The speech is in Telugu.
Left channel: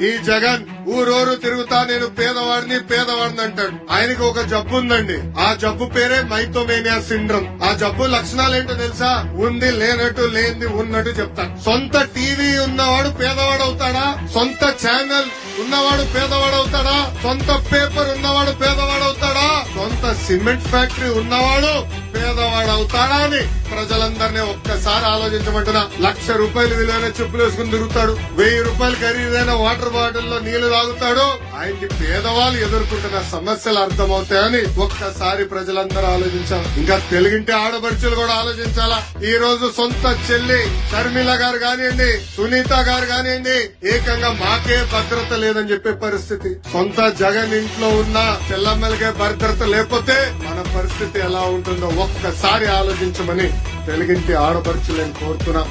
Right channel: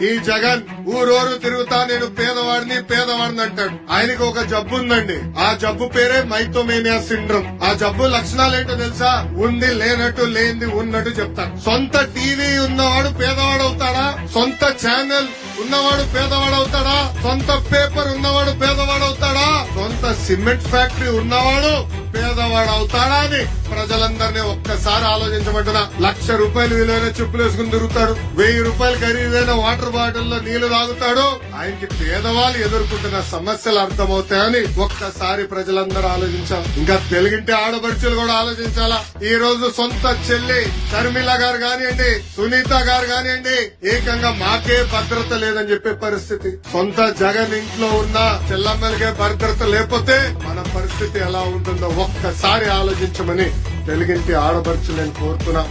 ఈ జగన్ ఊరూరు తిరుగుతా నేను పేదవాడిని అంటాడు. ఆయనకి ఒక జబ్బు ఉందండి. ఆ జబ్బు పేరే మైథోమేనియా సిండ్రోమ్. ఆ జబ్బు లక్షణాలు ఏంటో తెలుసా? ఉంది లేనట్టు, లేనిది ఉన్నట్టు చెప్తాడు. సొంత టీవీ ఉన్నవాడు పేదవాడు అవుతాడా? సొంత ఛానల్ ఉన్నవాడు పేదవాడు అవుతాడా? సొంత పేపర్ ఉన్నవాడు పేదవాడు అవుతాడా? సొంత సిమెంట్ ఫ్యాక్టరీ ఉన్నవాడు పేదవాడు అవుతాడా అని ప్రజలందరినీ ఒక్కసారి ఆలోచించమంటున్నా. ₹1,00,000 విలువైన చెప్పులు వేసుకుని తిరుగుతాడు. ₹1,000 ఖరీదైన వాటర్ బాటిల్ లో నీళ్లు తాగుతాడు. ఆయనకి పేదవాళ్ళు ఎదుర్కొంటున్న సమస్యలు అర్థమవుతాయని ఒక్కసారి ప్రజలందరూ ఆలోచించాలి. ఇంకా తెలుగింటి ఆడపడుచులు కూడా ఆలోచించాలా. ఈ రోజు సొంత చెల్లి షర్మిల గారు కానివ్వండి, సునీత గారు కానివ్వండి, ఏకంగా మాకే భద్రత లేదని చెప్పే పరిస్థితి. సొంత జగన్ ఇంట్లో ఉన్న చెల్లమ్మలకే భద్రత లేకపోతే మన పరిస్థితి ఎలా ఉంటుందో ఒక్కసారి ఆలోచించమని తెలుగింటి ఆడపడుచులు నేను కోరుతున్నా.